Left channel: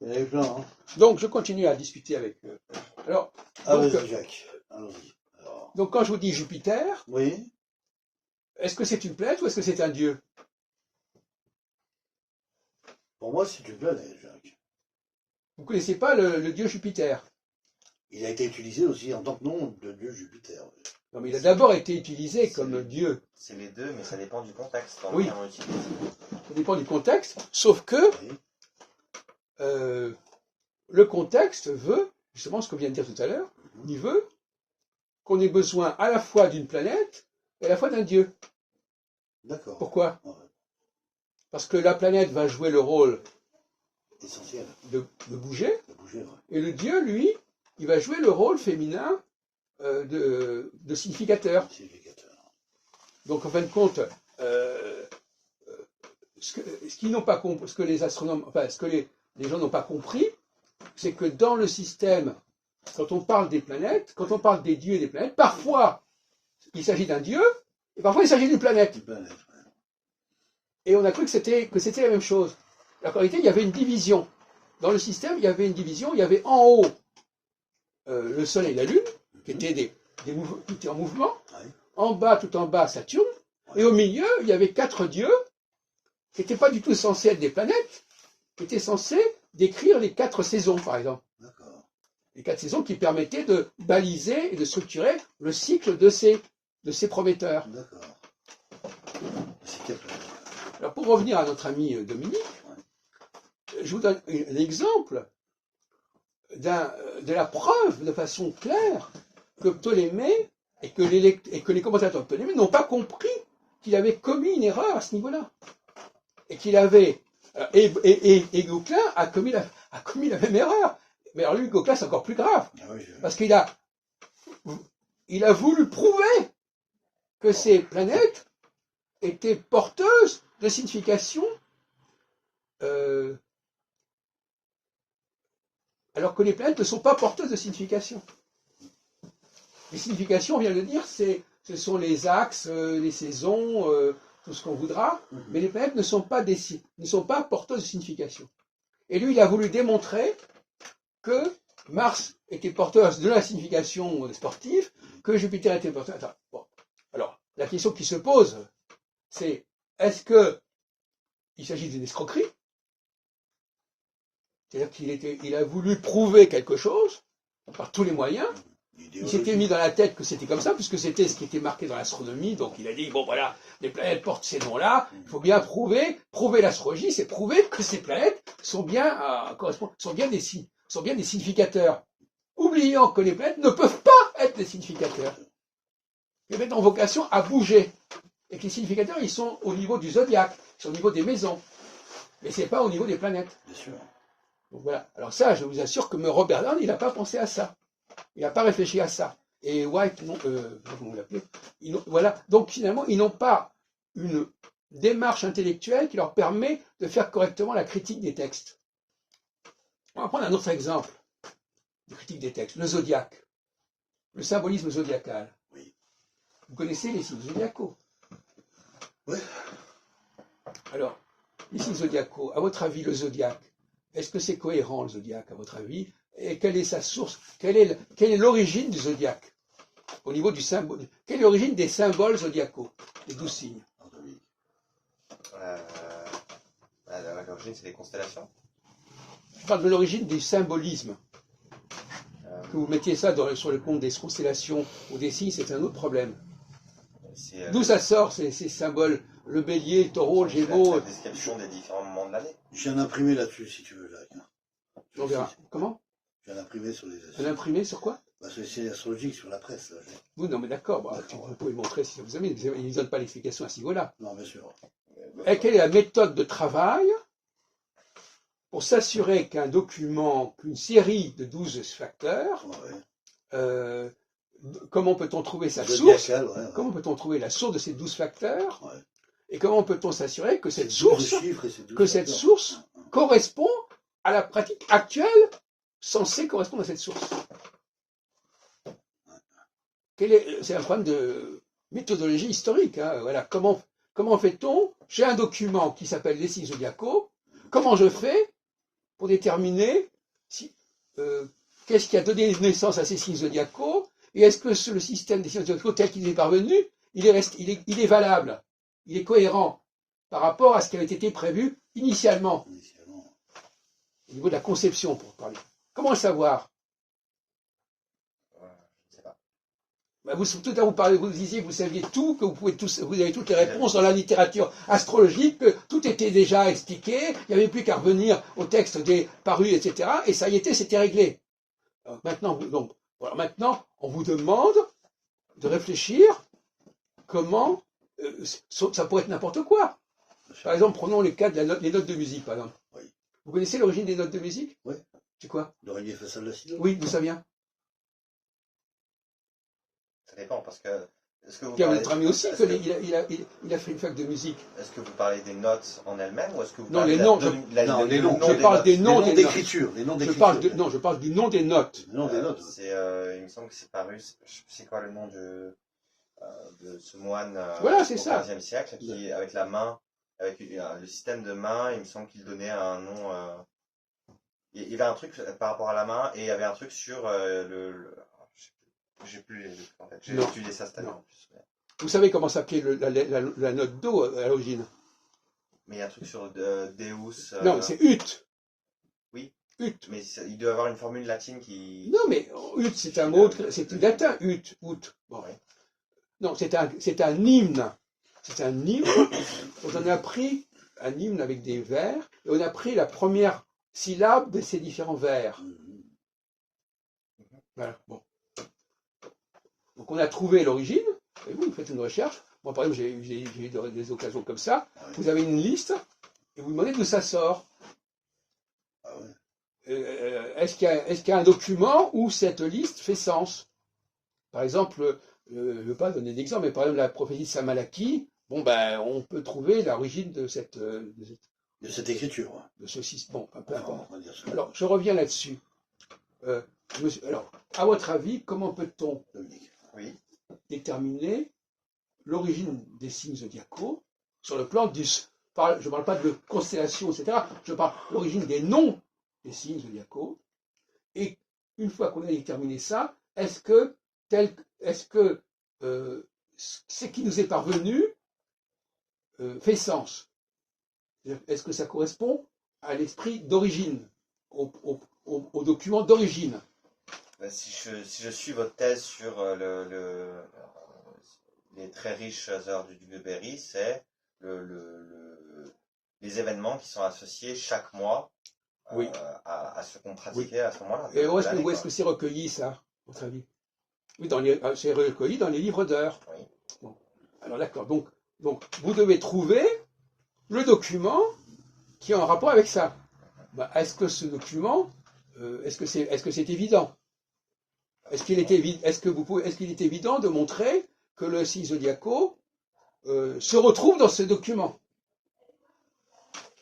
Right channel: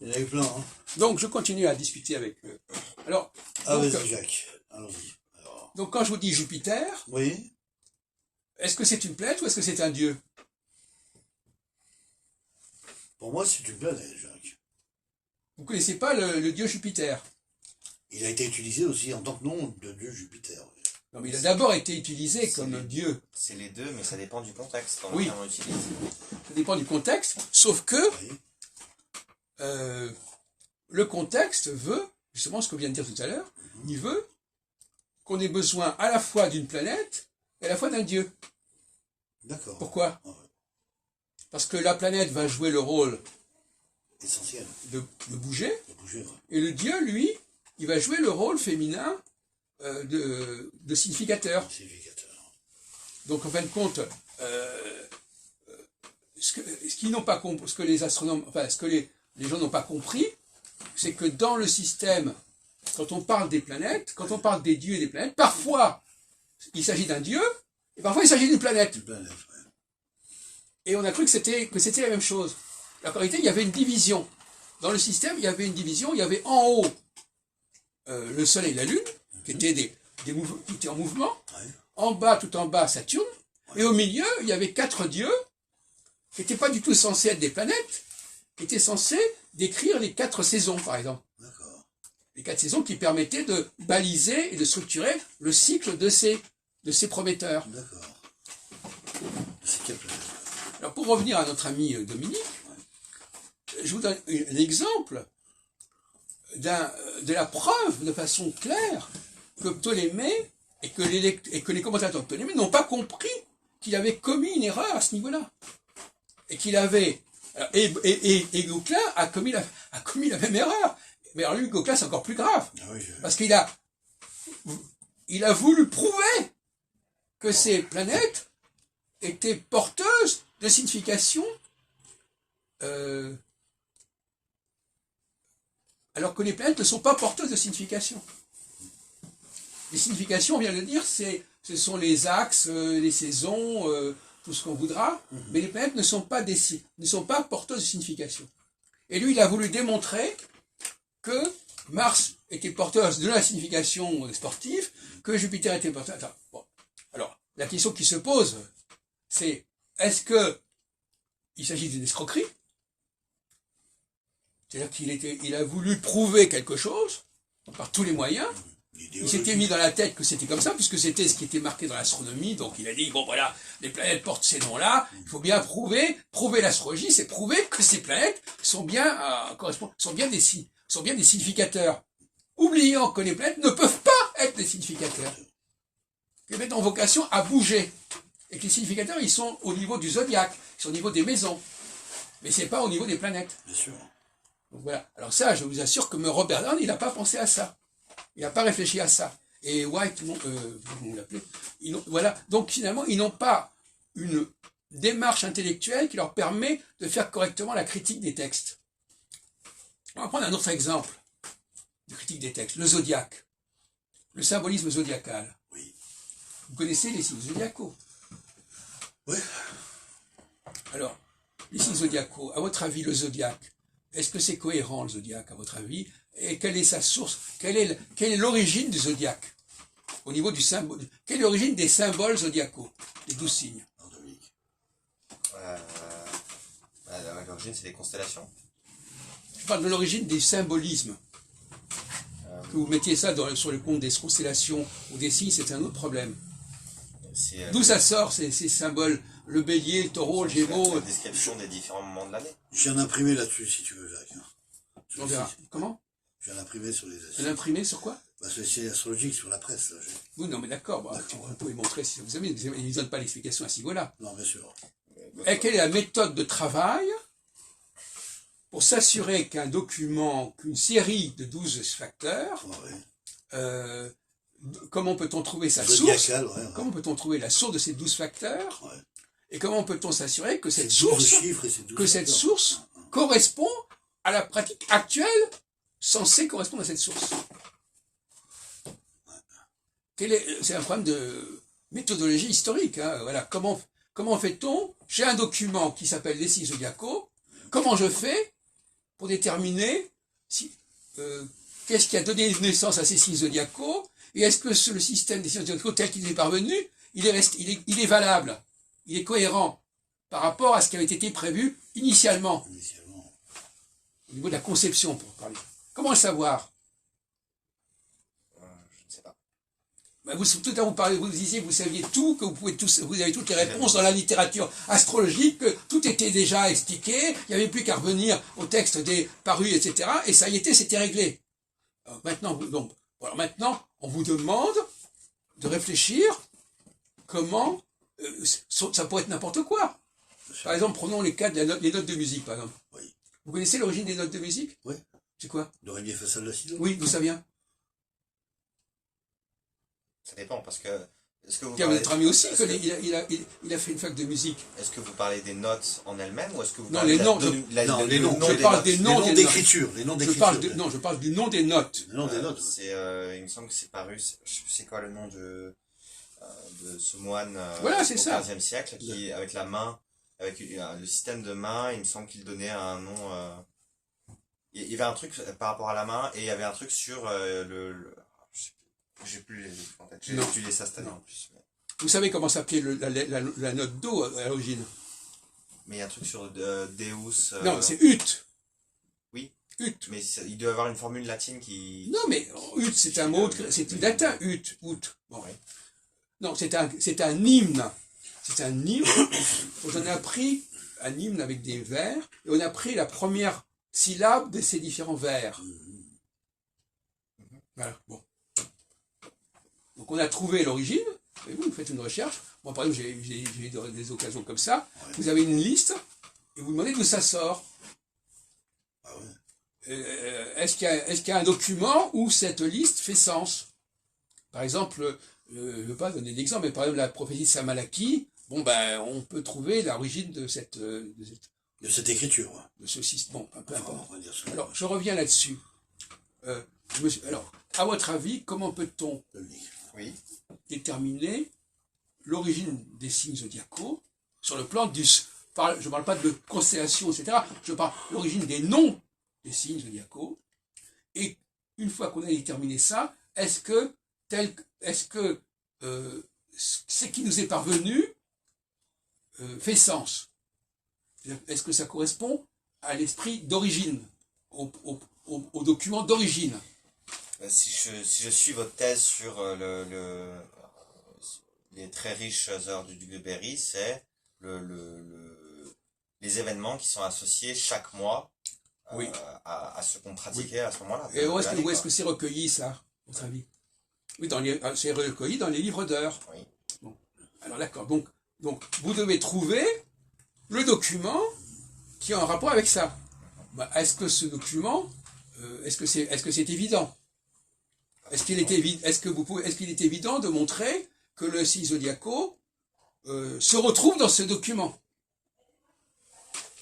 Il y en a eu plein, hein. Donc, je continue à discuter avec eux. Alors, Ah, donc, vas-y, Jacques. Allons-y. Alors, donc, quand je vous dis Jupiter, oui. est-ce que c'est une planète ou est-ce que c'est un dieu? Pour moi, c'est une planète, Jacques. Vous ne connaissez pas le dieu Jupiter? Il a été utilisé aussi en tant que nom de dieu Jupiter. Oui. Non, mais il a d'abord été utilisé C'est comme les- dieu. C'est les deux, mais ça dépend du contexte. Oui. Comment on l'utilise. Ça dépend du contexte, sauf que Oui. le contexte veut, justement ce que vient de dire tout à l'heure, il veut qu'on ait besoin à la fois d'une planète et à la fois d'un dieu. D'accord. Pourquoi? Ouais. Parce que la planète va jouer le rôle Essentiel. de bouger, De bouger, ouais. et le dieu, lui, il va jouer le rôle féminin de significateur. Significateur. Donc en fin de compte, qu'ils n'ont pas compris, ce que les astronomes, enfin ce que les gens n'ont pas compris, c'est que dans le système, quand on parle des planètes, quand on parle des dieux et des planètes, parfois il s'agit d'un dieu, et parfois il s'agit d'une planète. Une planète, ouais. Et on a cru que c'était la même chose. En réalité, il y avait une division. Dans le système, il y avait une division, il y avait en haut le Soleil et la Lune, qui étaient, qui étaient en mouvement, Ouais. en bas, tout en bas, Saturne, et au milieu, il y avait 4 dieux, qui n'étaient pas du tout censés être des planètes, qui étaient censés décrire les 4 saisons, par exemple. D'accord. Les 4 saisons qui permettaient de baliser et de structurer le cycle de ces prometteurs. D'accord. C'est quelle planète? Alors pour revenir à notre ami Dominique, je vous donne un exemple de la preuve de façon claire que Ptolémée et que les commentateurs de Ptolémée n'ont pas compris qu'il avait commis une erreur à ce niveau-là. Et qu'il avait... Et Gauquelin a commis la même erreur. Mais alors lui, Gauquelin, c'est encore plus grave. Ah oui, Parce qu'il a voulu prouver que ces planètes étaient porteuses de signification, alors que les planètes ne sont pas porteuses de signification. Les significations, on vient de le dire, ce sont les axes, les saisons, tout ce qu'on voudra, mais les planètes ne sont pas porteuses de signification. Et lui, il a voulu démontrer que Mars était porteuse de la signification sportive, que Jupiter était porteur. Attends, bon. Alors, la question qui se pose, c'est est-ce qu'il s'agit d'une escroquerie? C'est-à-dire qu'il a voulu prouver quelque chose par tous les moyens. Il s'était mis dans la tête que c'était comme ça, puisque c'était ce qui était marqué dans l'astronomie. Donc il a dit, bon voilà, les planètes portent ces noms-là, il faut bien prouver l'astrologie, c'est prouver que ces planètes sont bien des significateurs. Oubliant que les planètes ne peuvent pas être des significateurs. Les planètes ont vocation à bouger. Et que les significateurs, ils sont au niveau du zodiaque, ils sont au niveau des maisons. Mais c'est pas au niveau des planètes. Bien sûr. Donc voilà. Alors ça, je vous assure que Robert Down, il n'a pas pensé à ça. Il n'a pas réfléchi à ça. Et White, comment vous l'appelez, voilà. Donc finalement, ils n'ont pas une démarche intellectuelle qui leur permet de faire correctement la critique des textes. On va prendre un autre exemple de critique des textes. Le zodiaque. Le symbolisme zodiacal. Oui. Vous connaissez les signes zodiacaux? Oui. Alors, les signes zodiacaux, à votre avis, le zodiaque, est-ce que c'est cohérent, le zodiaque, à votre avis? Et quelle est sa source? Quelle est l'origine du zodiaque? Au niveau du symbole. Quelle est l'origine des symboles zodiacaux? Les 12 signes. L'origine, c'est les constellations. Je parle de l'origine des symbolismes. Que vous mettiez ça sur le compte des constellations ou des signes, c'est un autre problème. D'où ça sort, ces symboles? Le bélier, le taureau, le gémeaux. La description des différents moments de l'année. J'ai un imprimé là-dessus, si tu veux, Jacques. On verra. Comment? J'ai un imprimé sur les... Un imprimé sur quoi? Sur les signes astrologiques, sur la presse. Là, Oui, non, mais d'accord. Vous pouvez montrer si vous aimez. Ils ne donnent pas l'explication à ce niveau-là. Non, bien sûr. Et quelle est la méthode de travail pour s'assurer qu'un document, qu'une série de 12 facteurs, Ouais. Comment peut-on trouver sa source? Zodiacal, ouais. Comment peut-on trouver la source de ces 12 facteurs? Ouais. Et comment peut-on s'assurer que C'est cette 12 source, chiffres et c'est 12 facteurs. correspond à la pratique actuelle censée correspondre à cette source? C'est un problème de méthodologie historique. Hein. Voilà. Comment fait-on? J'ai un document qui s'appelle les signes zodiacaux. Comment je fais pour déterminer qu'est-ce qui a donné naissance à ces signes zodiacaux, et est-ce que le système des signes zodiacaux tel qu'il est parvenu, il est valable, il est cohérent par rapport à ce qui avait été prévu initialement, au niveau de la conception, pour parler. Comment le savoir? Je ne sais pas. Tout à l'heure, vous disiez que vous saviez tout, que vous avez toutes les réponses dans la littérature astrologique, que tout était déjà expliqué, il n'y avait plus qu'à revenir au texte des parus, etc. Et ça y était, c'était réglé. Maintenant, on vous demande de réfléchir comment ça pourrait être n'importe quoi. Par exemple, prenons les cas des notes de musique, par exemple. Oui. Vous connaissez l'origine des notes de musique? Oui. C'est quoi? Do, ré, mi, fa, sol, la, si, do. Oui, d'où ça vient? Ça dépend, parce que... Est-ce que vous Il y a parlez... votre ami aussi, est-ce que- il a fait une fac de musique. Est-ce que vous parlez des notes en elles-mêmes, ou est-ce que vous Non, parlez les de noms, Non, les noms. Je parle des Les noms noms des d'écriture. Les noms Je d'écriture. parle je parle du nom des notes. Les noms des notes. il me semble que c'est paru, je sais plus c'est quoi le nom de ce moine Voilà, c'est au ça. XVe siècle, qui, avec la main, avec le système de main, il me semble qu'il donnait un nom... il y avait un truc par rapport à la main, et il y avait un truc sur je sais plus, j'ai plus les livres en tête. J'ai Non. étudié ça cette année Non. en plus. Vous savez comment s'appelait la note Do à l'origine? Mais il y a un truc sur Deus. Non, c'est ut. Oui. Ut. Mais il doit y avoir une formule latine qui... Non, mais ut, c'est un mot, c'est du latin, ut, out. Bon. Ouais. Non, c'est un hymne. C'est un hymne. On a pris un hymne avec des vers, et on a pris la première syllabe de ces différents vers. Voilà, bon. Donc on a trouvé l'origine, et vous faites une recherche. Moi, par exemple, j'ai eu des occasions comme ça. Ouais. Vous avez une liste, et vous demandez d'où ça sort. Ah ouais. Est-ce qu'il y a un document où cette liste fait sens? Par exemple, je ne veux pas donner d'exemple, mais par exemple, la prophétie de Samalaki, bon, ben, on peut trouver l'origine de De cette écriture. Ouais. de ce système. Bon, peu Enfin, importe. on va dire ça. Alors, je reviens là-dessus. Alors, à votre avis, comment peut-on Dominique. Oui. déterminer l'origine des signes zodiacaux sur le plan je ne parle pas de constellation, etc. Je parle de l'origine des noms des signes zodiacaux. Et une fois qu'on a déterminé ça, est-ce que ce qui nous est parvenu fait sens? Est-ce que ça correspond à l'esprit d'origine, au document d'origine? Si je suis votre thèse sur les très riches heures du Berry, c'est les événements qui sont associés chaque mois Oui. à ce qu'on pratiquait à ce moment-là. Et où de l'année, est-ce quoi. que c'est recueilli, ça, à votre avis? Oui, c'est recueilli dans les livres d'heures. Oui. Bon. Alors d'accord, donc vous devez trouver le document qui a un rapport avec ça. Bah, est-ce que ce document, est-ce que c'est évident? Est-ce qu'il est évident de montrer que le signe zodiaco se retrouve dans ce document?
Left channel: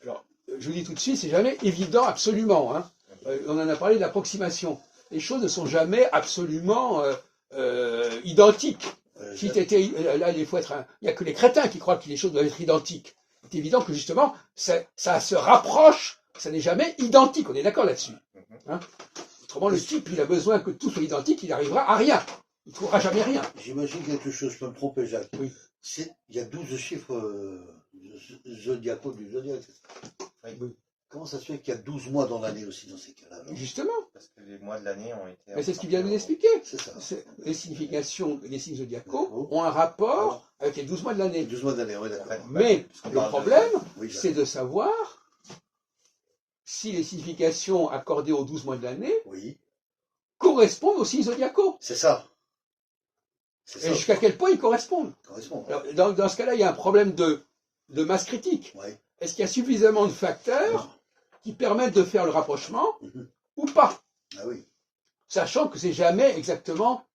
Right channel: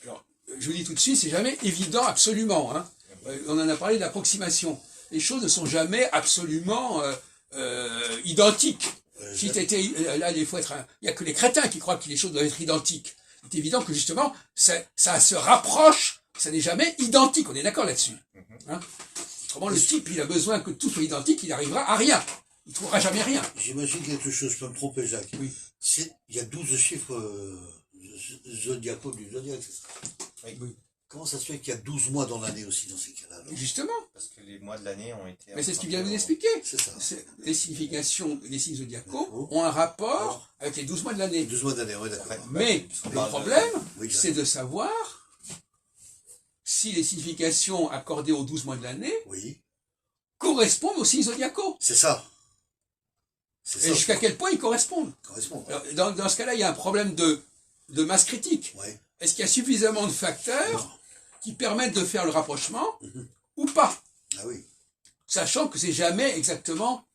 Alors, je vous dis tout de suite, c'est jamais évident absolument. Hein. On en a parlé d'approximation. Les choses ne sont jamais absolument identiques. Là, il faut il n'y a que les crétins qui croient que les choses doivent être identiques. C'est évident que justement, ça se rapproche, ça n'est jamais identique. On est d'accord là-dessus. Hein. Autrement, le type, il a besoin que tout soit identique, il n'arrivera à rien. Il ne trouvera jamais rien. J'imagine quelque chose, je peux me tromper, Jacques. Oui. Il y a 12 chiffres zodiacaux du zodiaque, c'est ça? Oui. Comment ça se fait qu'il y a 12 mois dans l'année aussi dans ces cas-là alors? Justement. Parce que les mois de l'année ont été... Mais c'est ce qu'il vient de vous expliquer. C'est ça. Les significations des signes zodiacaux Oh. ont un rapport avec les 12 mois de l'année. 12 mois d'année, oui, d'accord. En fait, Mais puisqu'on le parle de- problème, Oui, c'est de savoir si les significations accordées aux 12 mois de l'année oui, correspondent aux signes zodiacaux. c'est ça. C'est Et ça. jusqu'à quel point ils correspondent. Correspond. Alors, dans ce cas-là, il y a un problème de masse critique. Ouais. Est-ce qu'il y a suffisamment de facteurs qui permettent de faire le rapprochement ou pas? Ah oui. Sachant que c'est jamais exactement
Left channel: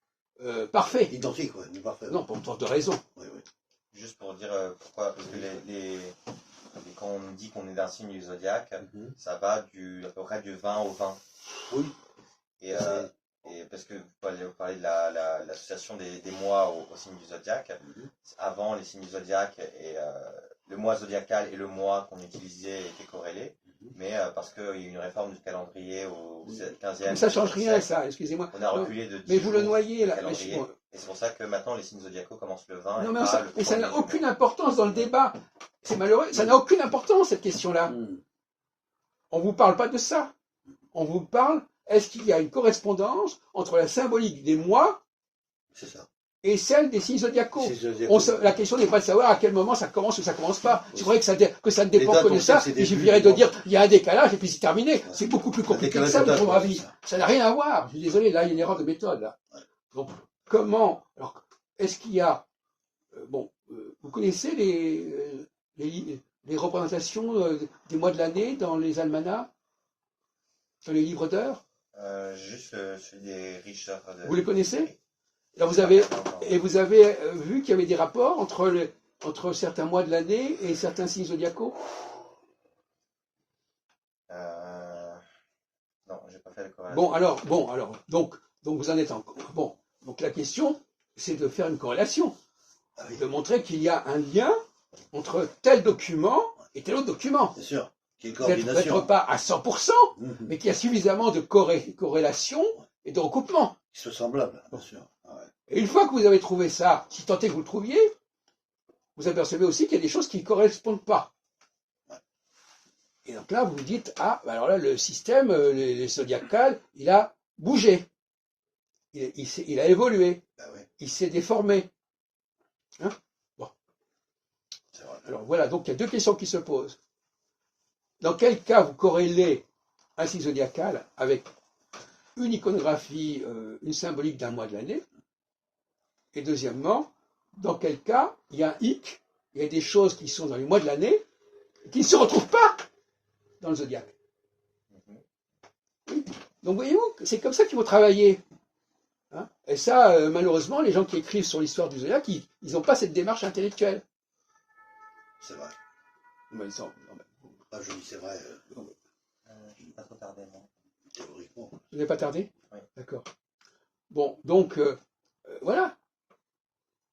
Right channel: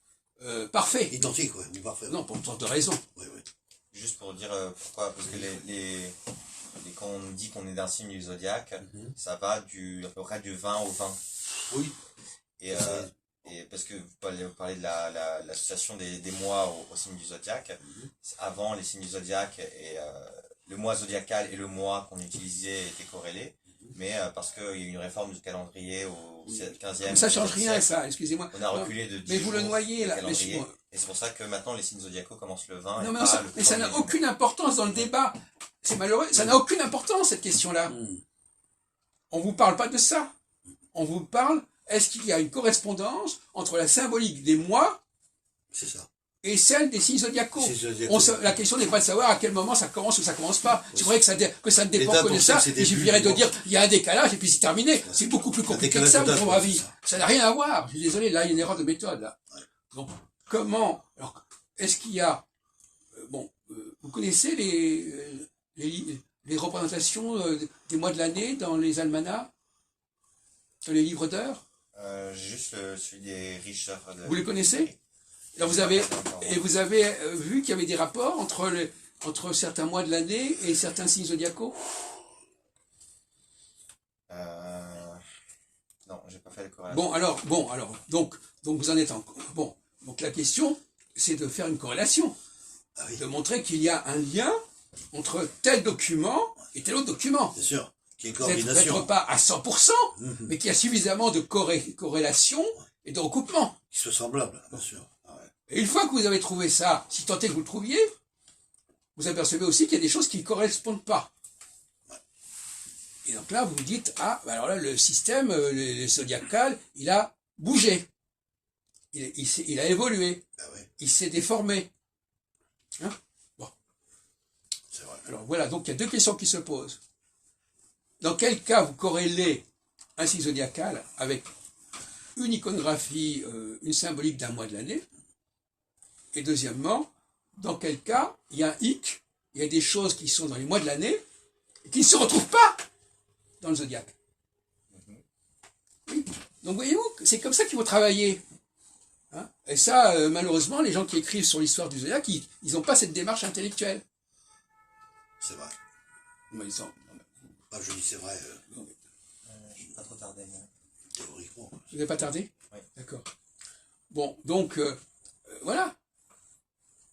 parfait. Identique, ouais, ou parfait. Non, pour une sorte de raison. Oui, oui. Juste pour dire pourquoi, parce que quand on dit qu'on est d'un signe du zodiaque, ça va à peu près du 20 au 20. Oui. Et parce que vous parlez de l'association des mois au signe du zodiaque. Avant, les signes du zodiaque et le mois zodiacal et le mois qu'on utilisait étaient corrélés. mais parce qu'il y a eu une réforme du calendrier au 15e. Ça change rien, siècle, ça, excusez-moi. on a reculé de 10 Mais vous le jours noyez, le là. calendrier. Et c'est pour ça que maintenant les signes zodiacaux commencent le 20 Non, et mais pas ça, le mais ça 1er n'a du aucune mois. importance dans le débat. C'est malheureux, ça n'a aucune importance, cette question-là. On ne vous parle pas de ça. On vous parle, est-ce qu'il y a une correspondance entre la symbolique des mois C'est ça. et celle des signes zodiacaux? C'est zodiacaux. La question n'est pas de savoir à quel moment ça commence ou ça commence pas. Oui. C'est vrai que ça ne dépend dates, que on de sait ça. que c'est Il début suffirait du de mois. dire il y a un décalage et puis c'est terminé. C'est beaucoup plus compliqué que décalage ça, de mais date, pour ouais, ma vie. c'est ça. Ça n'a rien à voir. Je suis désolé, là, il y a une erreur de méthode. Là. Ouais. Donc, comment alors, est-ce qu'il y a... vous connaissez les représentations des mois de l'année dans les almanachs, dans les livres d'heures? Juste celui des Richter. Vous les connaissez? Alors vous avez vu qu'il y avait des rapports entre certains mois de l'année et certains signes zodiacaux? Non, j'ai pas fait le corrélation. Bon, alors, donc vous en êtes encore. Bon, donc la question, c'est de faire une corrélation, Ah oui, de montrer qu'il y a un lien entre tel document et tel autre document. bien sûr. Qu'il y ait une Peut-être coordination. pas à 100%, mais qu'il y a suffisamment de corrélation et de recoupement. Qui soit semblable, bien sûr. Ah ouais. Et une fois que vous avez trouvé ça, si tant est que vous le trouviez, vous apercevez aussi qu'il y a des choses qui ne correspondent pas. Et donc là, vous vous dites, ah, alors là, le système, le zodiacal, il a bougé. Il a évolué. Ah ouais, Il s'est déformé. Hein? Bon. c'est vrai. Alors voilà, donc il y a deux questions qui se posent. Dans quel cas vous corrélez un signe zodiacal avec une iconographie, une symbolique d'un mois de l'année? Et deuxièmement, dans quel cas il y a un hic, il y a des choses qui sont dans les mois de l'année et qui ne se retrouvent pas dans le zodiaque. Oui. Donc voyez-vous, c'est comme ça qu'il faut travailler. Hein? Et ça, malheureusement, les gens qui écrivent sur l'histoire du zodiaque, ils n'ont pas cette démarche intellectuelle. C'est vrai. Mais ils ont- non, mais- Bah, je dis c'est vrai, non, mais- Je vais pas trop tarder, moi. théoriquement. Vous n'avez pas tardé? Oui. D'accord. Bon, donc, voilà.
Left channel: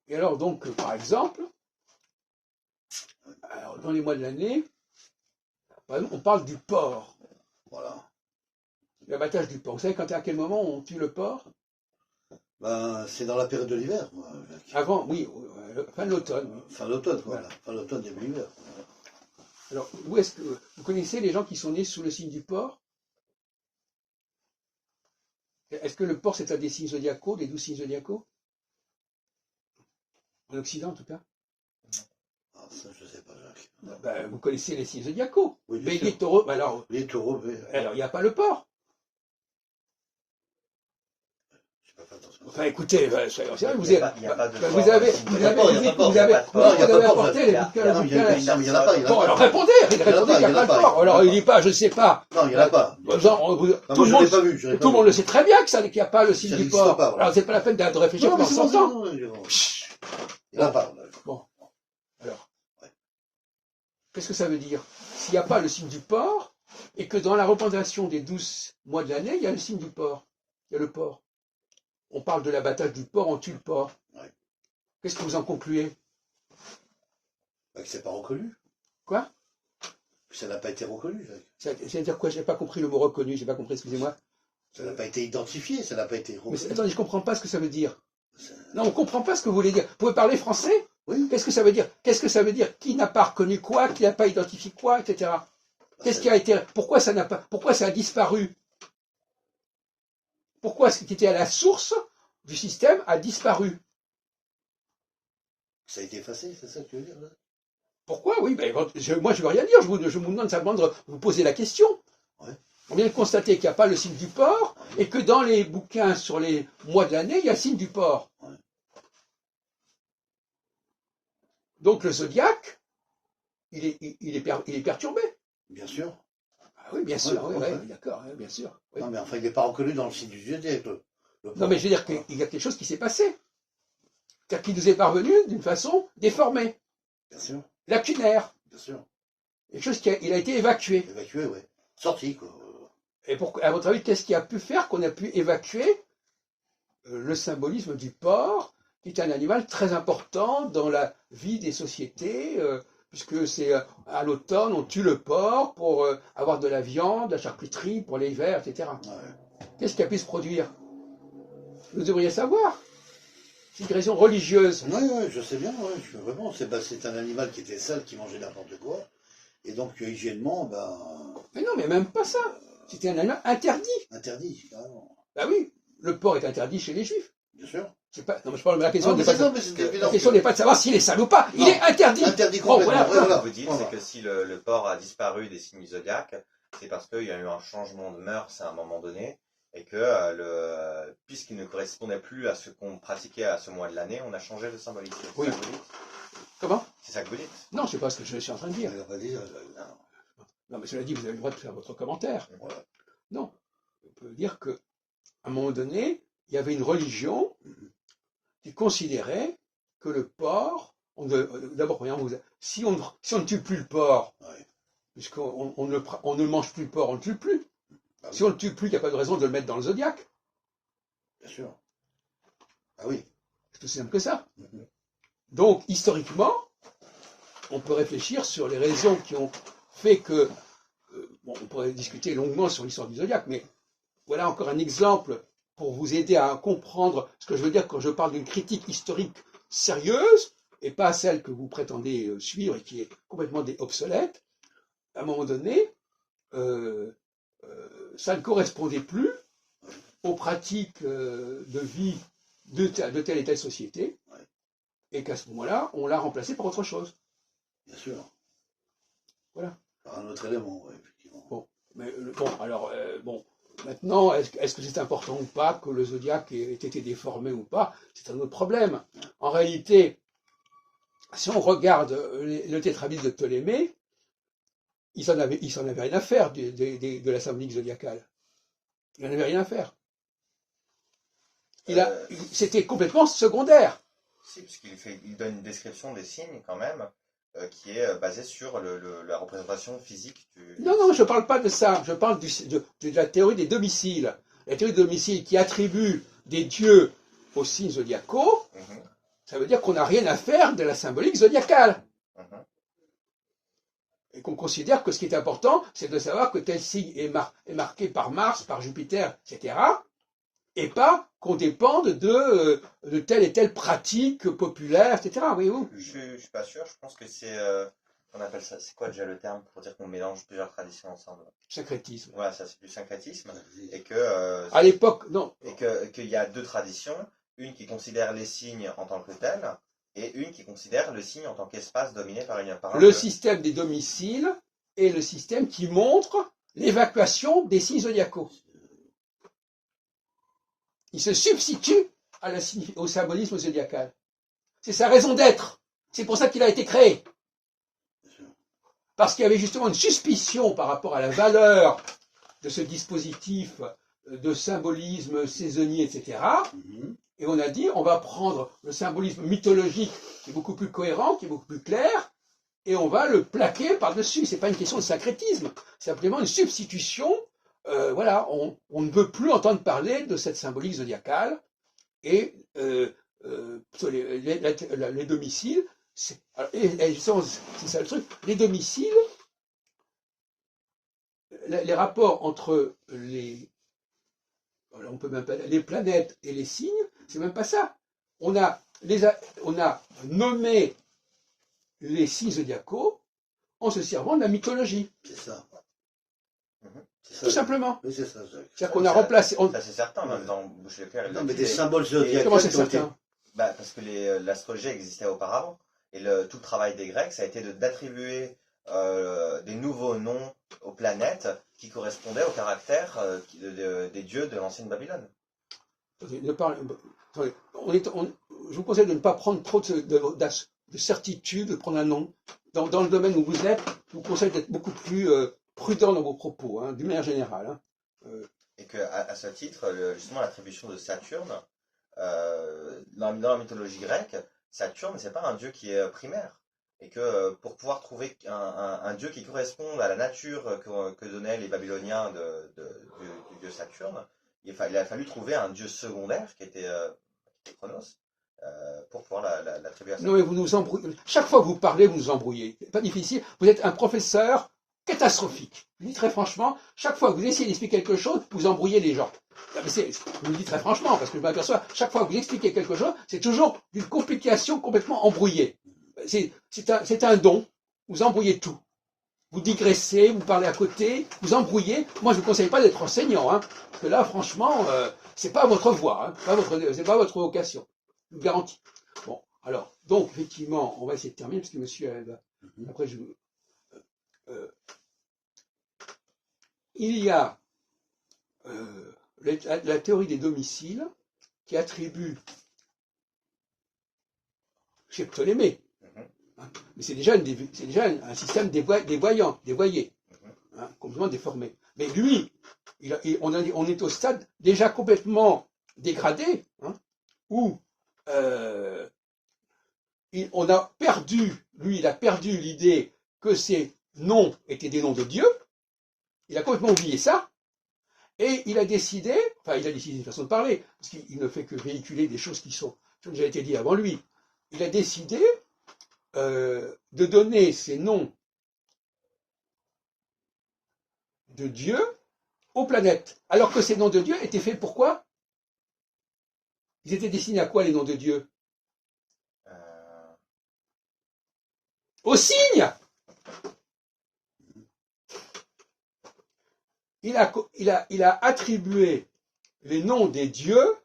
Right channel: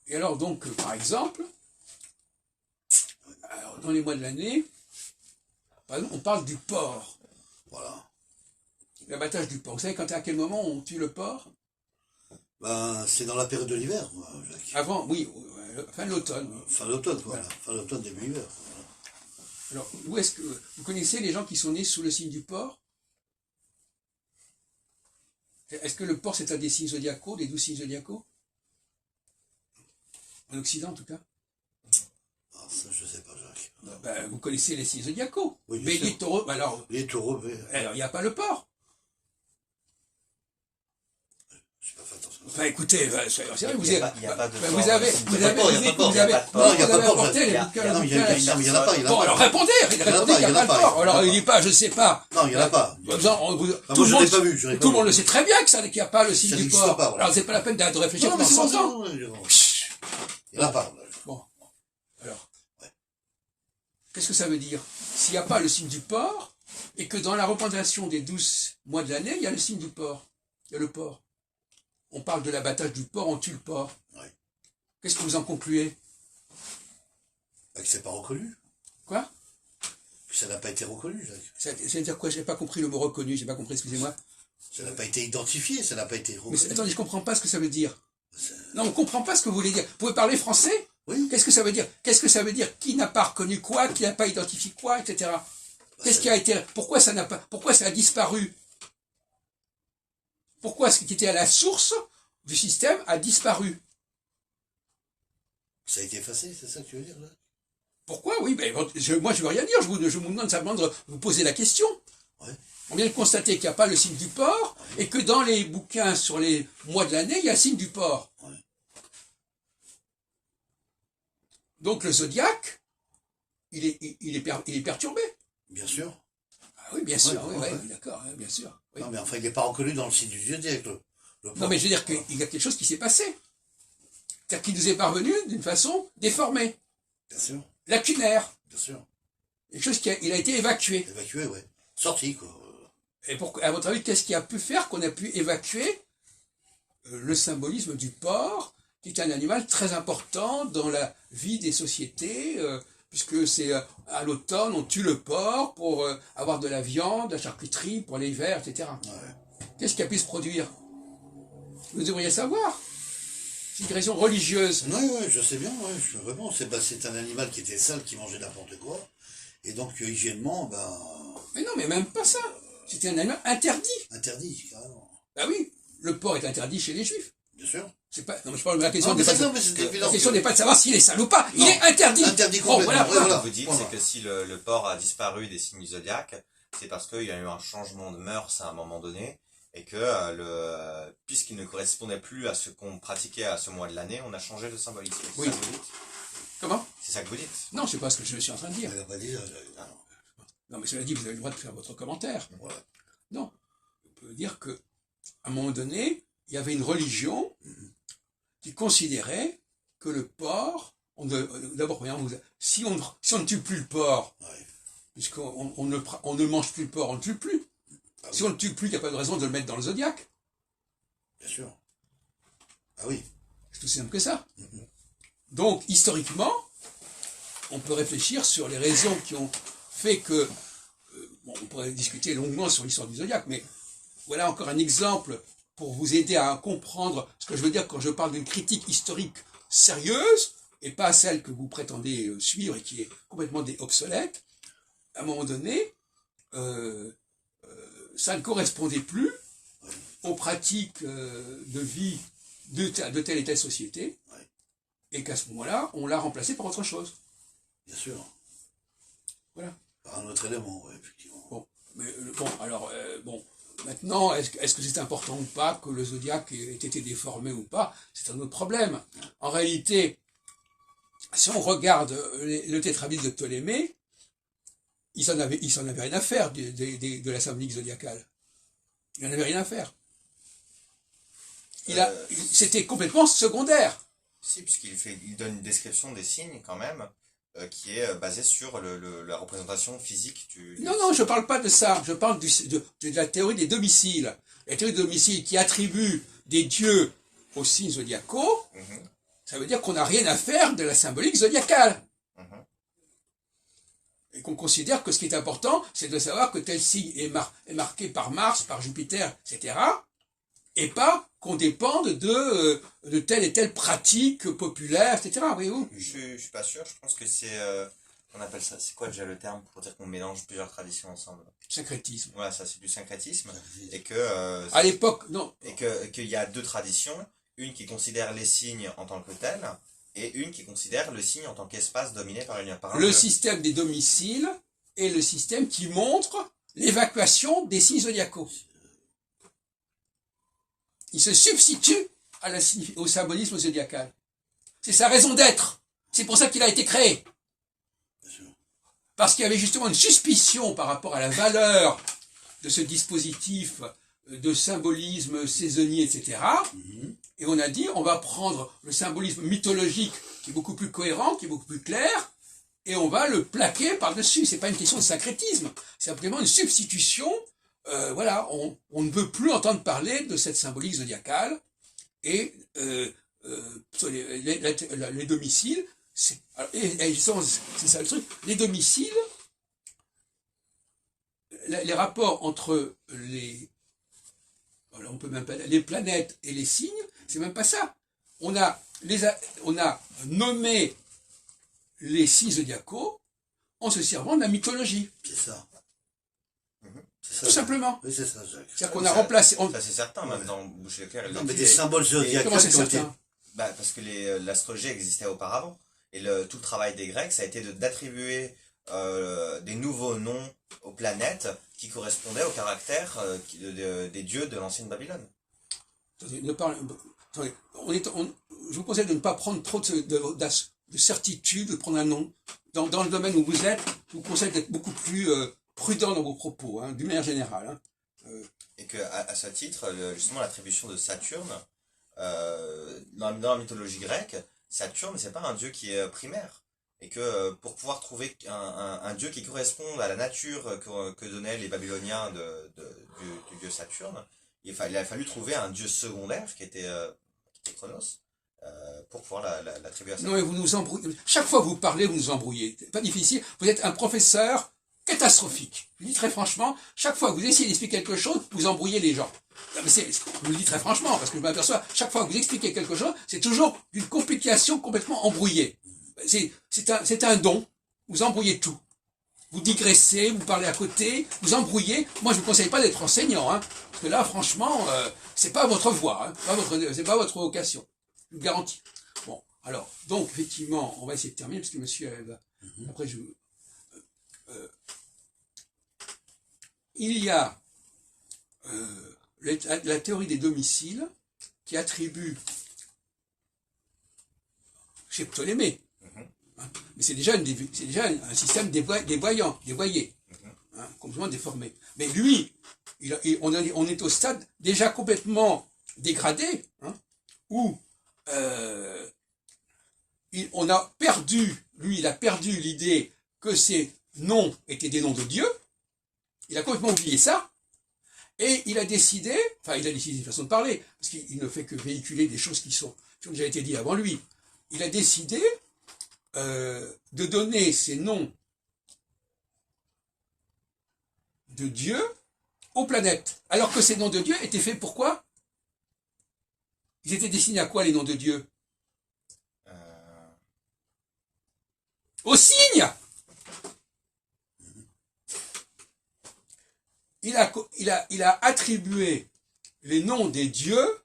Et alors, donc, par exemple, alors, dans les mois de l'année, par exemple, on parle du porc, Voilà. l'abattage du porc. Vous savez à quel moment on tue le porc? Ben, c'est dans la période de l'hiver, moi, Jacques. Avant, oui, fin de l'automne. Fin d'automne, quoi. Voilà. Fin d'automne, début hiver. Voilà. Alors, où est-ce que vous connaissez les gens qui sont nés sous le signe du porc? Est-ce que le porc c'est un des signes zodiacaux, des 12 signes zodiacaux? En Occident, en tout cas. Ah, ça, je sais pas, Jacques. Ben, vous connaissez les signes zodiacaux. Oui, bien Bélier, sûr. taureau, ben alors, Les taureaux, il n'y a pas le porc. j'ai pas fait attention. Enfin, écoutez, c'est vrai, Il y a pas de vous porc avez, dans le signe vous Il y a avez, pas de porc, il y a pas de porc, vous avez, il y a pas de porc, il y a vous pas de avez porc, apporté les il y a- bouquins, Non, il y en a pas, il y en Bon, a alors pas. répondez, il répondez qu'il n'y a pas de porc. Alors, il dit pas, je ne sais pas. Non, il y en a pas. Tout moi, je l'ai pas vu, je l'ai pas tout le monde vu. le sait très bien qu'il n'y a pas le signe Ça du n'existe porc. pas, voilà. Alors, c'est pas la peine de réfléchir Non, mais pendant c'est 100 bon, ans. c'est bon. Il y en a pas. Bon, alors, qu'est-ce que ça veut dire? S'il n'y a pas le signe du porc, et que dans la représentation des 12 mois de l'année, il y a le signe du porc, il y a le porc. On parle de l'abattage du porc, on tue le porc. Ouais. Qu'est-ce que vous en concluez? Bah, que c'est pas reconnu. Quoi? Que ça n'a pas été reconnu, Jacques. C'est-à-dire quoi? Je n'ai pas compris le mot reconnu, je n'ai pas compris, excusez-moi. Ça n'a pas été identifié, ça n'a pas été Mais reconnu. attendez, je ne comprends pas ce que ça veut dire. C'est- Non, on ne comprend pas ce que vous voulez dire. Vous pouvez parler français? Oui. Qu'est-ce que ça veut dire? Qu'est-ce que ça veut dire? Qui n'a pas reconnu quoi? Qui n'a pas identifié quoi? Etc. Qu'est-ce qui a été... Pourquoi ça a disparu? Pourquoi ce qui était à la source du système a disparu? Ça a été effacé, c'est ça que tu veux dire, là? Pourquoi? Oui, ben, moi je ne veux rien dire, je vous demande simplement de vous poser la question. Ouais. On vient de constater qu'il n'y a pas le signe du porc, et que dans les bouquins sur les mois de l'année, il y a le signe du porc. Ouais. Donc le zodiaque, il est perturbé. Bien sûr. Ah oui, bien sûr, Ouais, oui, ouais. oui, d'accord, oui, bien sûr. Oui. Non, mais enfin, il n'est pas reconnu dans le site du zodiaque, le Non, porc. mais je veux dire qu'il y a quelque chose qui s'est passé. C'est-à-dire qu'il nous est parvenu d'une façon déformée, Bien sûr, lacunaire. bien sûr. Quelque chose il a été évacué. Évacué, ouais. Sorti, quoi. Et à votre avis, qu'est-ce qui a pu faire qu'on a pu évacuer le symbolisme du porc, qui est un animal très important dans la vie des sociétés, puisque c'est à l'automne, on tue le porc pour avoir de la viande, de la charcuterie, pour l'hiver, etc. Ouais. Qu'est-ce qui a pu se produire? Vous devriez savoir. C'est une raison religieuse. Ouais, ouais, je sais bien, ouais, vraiment, c'est un animal qui était sale, qui mangeait n'importe quoi. Et donc, hygiénement, ben, Mais non, mais même pas ça. C'était un animal interdit. interdit, carrément. Bah oui, le porc est interdit chez les juifs. Bien sûr. C'est pas, non, je parle de la question Non, mais n'est pas, non, mais c'est évident. la question n'est pas de savoir s'il est sale ou pas. Il Non. est interdit. Interdit Bon, complètement. voilà. Ouais, voilà. Vous dites, Voilà. c'est que si le porc a disparu des signes du zodiaque, c'est parce qu'il y a eu un changement de mœurs à un moment donné, et que puisqu'il ne correspondait plus à ce qu'on pratiquait à ce mois de l'année, on a changé le symbolisme. C'est Oui. ça que vous dites? Comment? C'est ça que vous dites? Non, je sais pas ce que je suis en train de dire. Elle va pas dire, Non, mais cela dit, vous avez le droit de faire votre commentaire. voilà. Non. On peut dire que, à un moment donné, il y avait une religion qui considérait que le porc, d'abord, premièrement, si on ne tue plus le porc, Ouais. puisqu'on on ne mange plus le porc, on ne le tue plus. Ah oui. Si on ne le tue plus, il n'y a pas de raison de le mettre dans le zodiaque. Bien sûr. Ah oui. C'est aussi simple que ça. Donc, historiquement, on peut réfléchir sur les raisons qui ont fait que... bon, on pourrait discuter longuement sur l'histoire du zodiaque, mais voilà encore un exemple pour vous aider à comprendre ce que je veux dire quand je parle d'une critique historique sérieuse, et pas celle que vous prétendez suivre et qui est complètement obsolète. À un moment donné, ça ne correspondait plus aux pratiques de vie de telle et telle société, Ouais. et qu'à ce moment-là, on l'a remplacé par autre chose. Bien sûr. Voilà. Par un autre élément, ouais, effectivement. Bon, mais bon, alors, bon, maintenant, est-ce que c'est important ou pas que le zodiaque ait été déformé ou pas? C'est un autre problème. En réalité, si on regarde le tétrabyte de Ptolémée, il s'en avait rien à faire de la symbolique zodiacale. Il n'en avait rien à faire. C'était complètement secondaire. Si, il donne une description des signes quand même, qui est basée sur la représentation physique du... Non, non, je ne parle pas de ça. Je parle de la théorie des domiciles. La théorie des domiciles qui attribue des dieux aux signes zodiacaux, Mhm, ça veut dire qu'on n'a rien à faire de la symbolique zodiacale. mhm. Et qu'on considère que ce qui est important, c'est de savoir que tel signe est marqué par Mars, par Jupiter, etc. Et pas qu'on dépende de telle et telle pratique populaire, etc. Voyez-vous? Je suis pas sûr, je pense que c'est... on appelle ça, c'est quoi déjà le terme pour dire qu'on mélange plusieurs traditions ensemble? Syncrétisme. Ouais, ça c'est du syncrétisme. Et que... À l'époque, non. et qu'il y a deux traditions, une qui considère les signes en tant que tels, et une qui considère le signe en tant qu'espace dominé par un Le dieu. système des domiciles est le système qui montre l'évacuation des signes zodiacaux. Il se substitue au symbolisme zodiacal. C'est sa raison d'être. C'est pour ça qu'il a été créé. Bien sûr. Parce qu'il y avait justement une suspicion par rapport à la valeur de ce dispositif de symbolisme saisonnier, etc. Mhm. Et on a dit, on va prendre le symbolisme mythologique qui est beaucoup plus cohérent, qui est beaucoup plus clair, et on va le plaquer par-dessus. C'est pas une question de syncrétisme, c'est simplement une substitution. Voilà, on ne veut plus entendre parler de cette symbolique zodiacale, et les domiciles, c'est ça le truc, les domiciles, les rapports entre on peut même pas, les planètes et les signes, c'est même pas ça. On a nommé les signes zodiacaux en se servant de la mythologie. C'est ça. Mhm. C'est ça, Tout Jacques. simplement. Oui, c'est ça, Jacques. C'est-à-dire qu'on a remplacé. Ça c'est certain, même dans Boucher Leclerc. il Non, l'a mais dit, des symboles zodiacaux Comment c'est qui ont été... certain? Bah, parce que l'astrologie existait auparavant. Et tout le travail des Grecs, ça a été d'attribuer des nouveaux noms aux planètes qui correspondaient au caractère des dieux de l'ancienne Babylone. Attendez, attendez, je vous conseille de ne pas prendre trop de certitude, de prendre un nom. Dans le domaine où vous êtes, je vous conseille d'être beaucoup plus prudent dans vos propos, d'une manière générale. Et que à ce titre, justement, l'attribution de Saturne, dans la mythologie grecque, Saturne, c'est pas un dieu qui est primaire. Et que pour pouvoir trouver un dieu qui corresponde à la nature que donnaient les Babyloniens du dieu Saturne, il a fallu trouver un dieu secondaire qui était Chronos, pour pouvoir l'attribuer à ça. Non, mais vous nous embrouillez. Chaque fois que vous parlez, vous nous embrouillez. C'est pas difficile. Vous êtes un professeur catastrophique. Je vous dis très franchement, chaque fois que vous essayez d'expliquer quelque chose, vous embrouillez les gens. Non, mais je vous le dis très franchement, parce que je m'aperçois, chaque fois que vous expliquez quelque chose, c'est toujours d'une complication complètement embrouillée. C'est un don. Vous embrouillez tout. Vous digressez, vous parlez à côté, vous embrouillez. Moi, je ne vous conseille pas d'être enseignant, hein, parce que là, franchement, c'est pas votre voie, hein, c'est pas votre vocation. Je vous garantis. Bon, alors, donc, effectivement, on va essayer de terminer, parce que monsieur, après, il y a la théorie des domiciles qui attribue chez Ptolémée, hein, mais c'est déjà un système dévoyé, hein, complètement déformé. Mais lui, on est au stade déjà complètement dégradé, hein, où on a perdu, lui, il a perdu l'idée que ces noms étaient des noms de Dieu. Il a complètement oublié ça. Et il a décidé d'une façon de parler, parce qu'il ne fait que véhiculer des choses qui ont déjà été dites avant lui. Il a décidé de donner ces noms de Dieu aux planètes. Alors que ces noms de Dieu étaient faits pour quoi? Ils étaient destinés à quoi, les noms de Dieu? Aux signes. Il a attribué les noms des dieux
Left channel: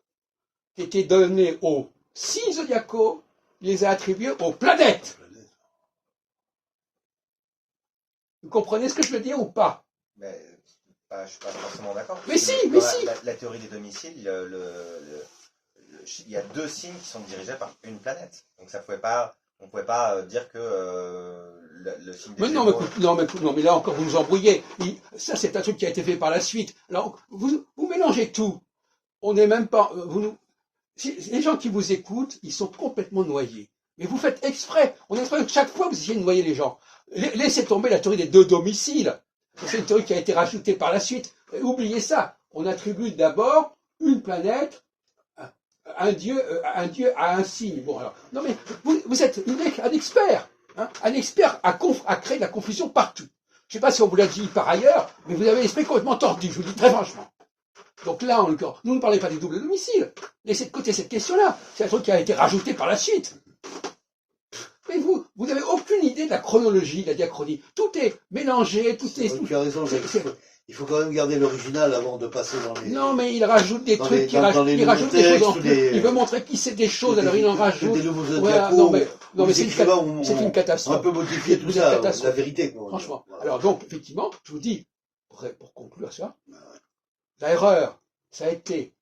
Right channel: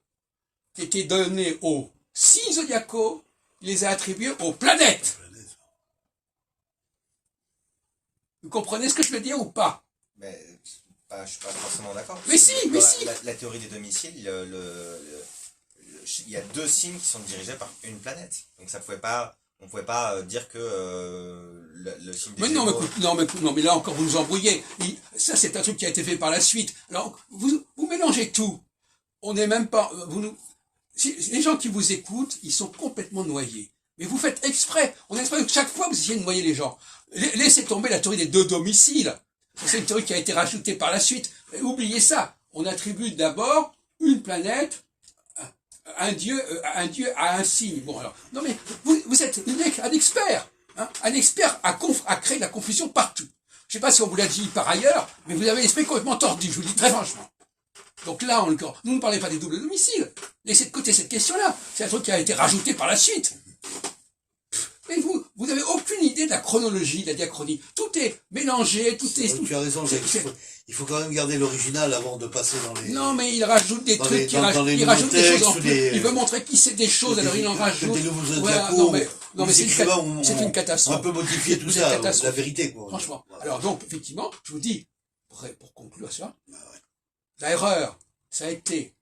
qui étaient donnés aux signes zodiacaux, il les a attribués aux planètes. Vous comprenez ce que je veux dire ou pas? Mais, je ne suis pas forcément d'accord. Mais si, mais si. La théorie des domiciles, il y a deux signes qui sont dirigés par une planète. Donc on ne pouvait pas dire que le signe des Gémeaux... Non, mais là encore, vous nous embrouillez. Ça, c'est un truc qui a été fait par la suite. Alors, vous mélangez tout. On n'est même pas... les gens qui vous écoutent, ils sont complètement noyés. Mais vous faites exprès. On exprès que chaque fois, vous essayez de noyer les gens. Laissez tomber la théorie des deux domiciles. C'est une théorie qui a été rajoutée par la suite. Oubliez ça. On attribue d'abord une planète, un dieu à un signe. Bon, alors, non mais vous êtes un expert. Hein, un expert à créer de la confusion partout. Je ne sais pas si on vous l'a dit par ailleurs, mais vous avez l'esprit complètement tordu, je vous le dis très franchement. Donc là, encore, nous ne parlons pas des doubles domiciles. Laissez de côté cette question-là. C'est un truc qui a été rajouté par la suite. Mais vous n'avez aucune idée de la chronologie, de la diachronie. Tout est mélangé, tout est... Tu as raison, Jacques. Il faut quand même garder l'original avant de passer dans les... Non, mais il rajoute des trucs, il rajoute des choses en plus. Il veut montrer qu'il sait des choses, alors il en rajoute. Des nouveaux Voilà, diapos, non, mais c'est une catastrophe. On peut modifier tout ça, la vérité, quoi. Franchement. Alors donc, effectivement, je vous dis, pour conclure ça, l'erreur, ça a été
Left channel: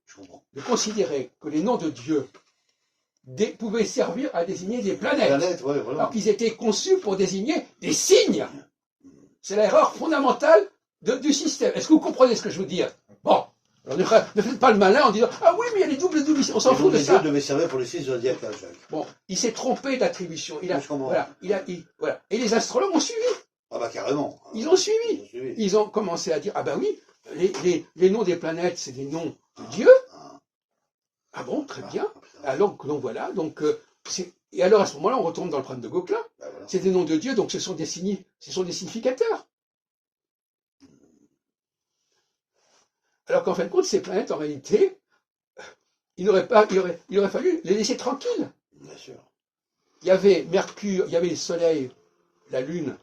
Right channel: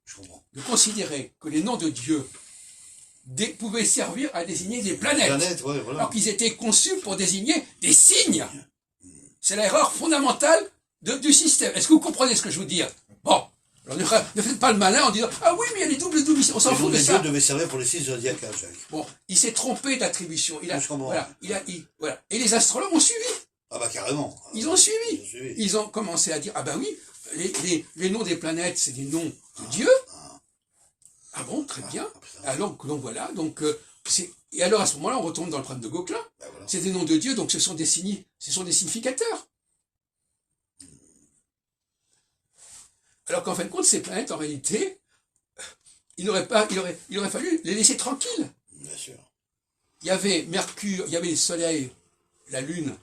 de considérer que les noms de Dieu pouvaient servir à désigner des planètes. Ouais, voilà. Alors qu'ils étaient conçus pour désigner des signes. C'est l'erreur fondamentale du système. Est-ce que vous comprenez ce que je veux dire? Bon. Alors ne faites pas le malin en disant « Ah oui, mais il y a les doubles domiciles. » On s'en fout de ça. Les dieux devaient servir pour les signes zodiacaux, Jacques. Bon, il s'est trompé d'attribution. Voilà. Et les astrologues ont suivi. Ah bah carrément. Ils ont suivi. Ils ont commencé à dire « Ah bah oui, les noms des planètes, c'est des noms de Dieu. » Ah bon, très bien. Alors, donc voilà, et alors à ce moment-là, on retourne dans le problème de Gauquelin. Ben voilà. C'est des noms de Dieu, donc ce sont des significateurs. Alors qu'en fin de compte, ces planètes, en réalité, il aurait fallu les laisser tranquilles. Bien sûr. Il y avait Mercure, il y avait le Soleil, la Lune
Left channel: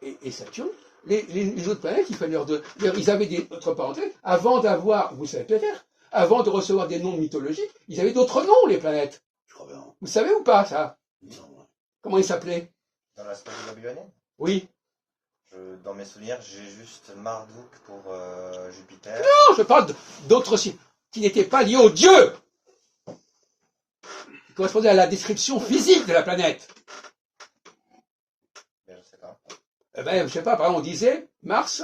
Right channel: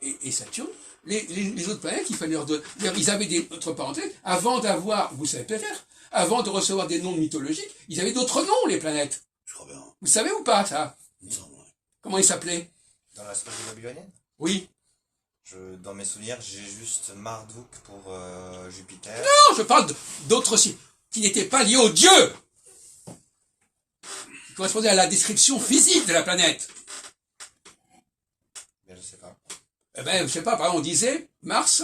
et Saturne. Les autres planètes, il fallait leur donner. Ils avaient d'autres parenthèses. Avant d'avoir, vous savez peut-être, avant de recevoir des noms mythologiques, ils avaient d'autres noms, les planètes. Je crois bien. Vous savez ou pas, ça? Non. Comment ils s'appelaient? Dans l'astrologie babylonienne? Oui. Dans mes souvenirs, j'ai juste Marduk pour Jupiter. Non, je parle d'autres signes qui n'étaient pas liés aux dieux. Qui correspondaient à la description physique de la planète. Ben, je sais pas. Eh ben, je sais pas, par exemple, on disait Mars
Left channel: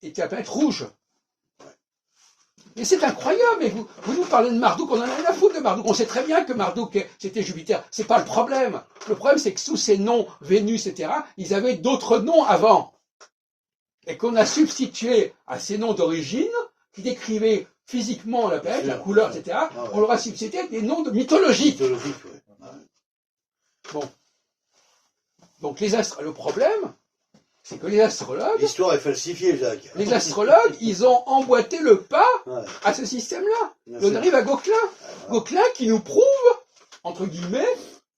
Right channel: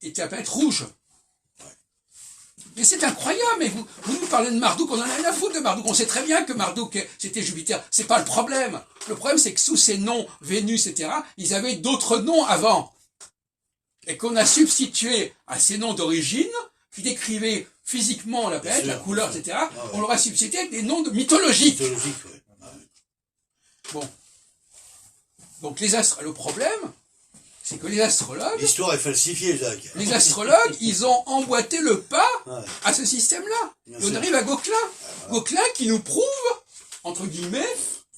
était la planète rouge. Mais c'est incroyable, mais vous nous parlez de Marduk, on en a rien à foutre de Marduk. On sait très bien que Marduk, c'était Jupiter. C'est pas le problème. Le problème, c'est que sous ces noms, Vénus, etc., ils avaient d'autres noms avant. Et qu'on a substitué à ces noms d'origine, qui décrivaient physiquement la planète, la couleur, etc., on leur a substitué des noms mythologiques. Mythologiques, oui. Bon. Donc le problème, c'est que les astrologues, L'histoire est falsifiée, Jacques. ils ont emboîté le pas Ouais, à ce système-là. bien Et on sûr. arrive à Gauquelin. Voilà. Gauquelin qui nous prouve, entre guillemets,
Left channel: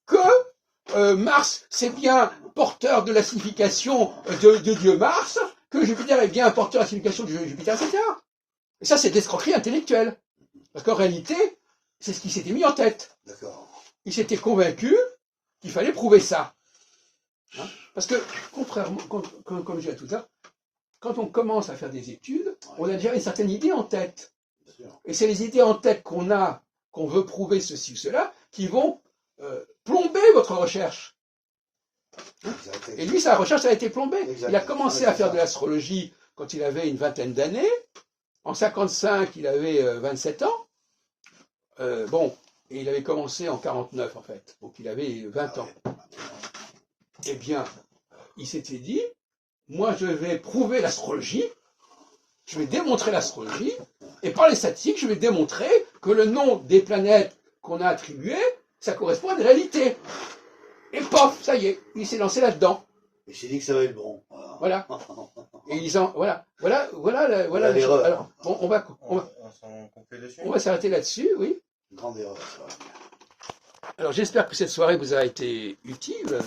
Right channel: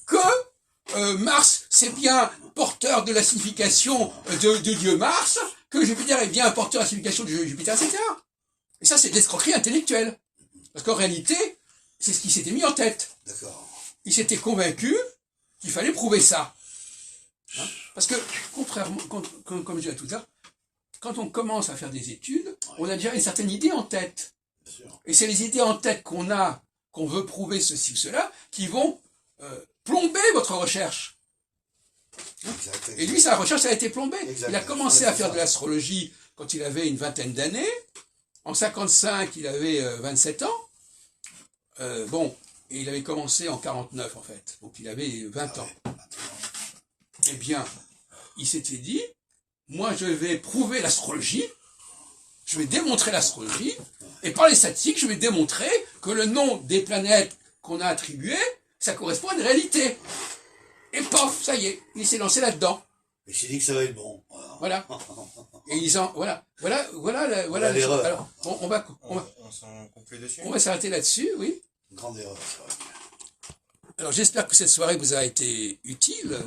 que Mars, c'est bien porteur de la signification de Dieu Mars, que Jupiter est bien porteur de la signification de Jupiter, etc. Et ça, c'est de l'escroquerie intellectuelle. Parce qu'en réalité, c'est ce qu'il s'était mis en tête. D'accord. Il s'était convaincu qu'il fallait prouver ça. Hein, parce que, contrairement, comme je disais tout à l'heure, quand on commence à faire des études, on a déjà une certaine idée en tête. Bien sûr. Et c'est les idées en tête qu'on a, qu'on veut prouver ceci ou cela, qui vont plomber votre recherche. Exact. Et lui, sa recherche a été plombée. Exact. Il a commencé Ouais, à c'est faire ça. de l'astrologie quand il avait une vingtaine d'années. En 55, il avait 27 ans. Bon, et il avait commencé en 49, en fait. Donc il avait 20 Ah ans. ouais, maintenant. Eh bien, il s'était dit, moi je vais prouver l'astrologie, je vais démontrer l'astrologie, et par les statistiques, je vais démontrer que le nom des planètes qu'on a attribuées, ça correspond à une réalité. Et pof, ça y est, il s'est lancé là-dedans. Il s'est dit que ça va être bon. Voilà. Et ils en, voilà la Voilà chose. l'erreur. Alors, On s'en conclut dessus. on va s'arrêter là-dessus, oui. Grande erreur, c'est vrai. Alors j'espère que cette soirée vous a été utile.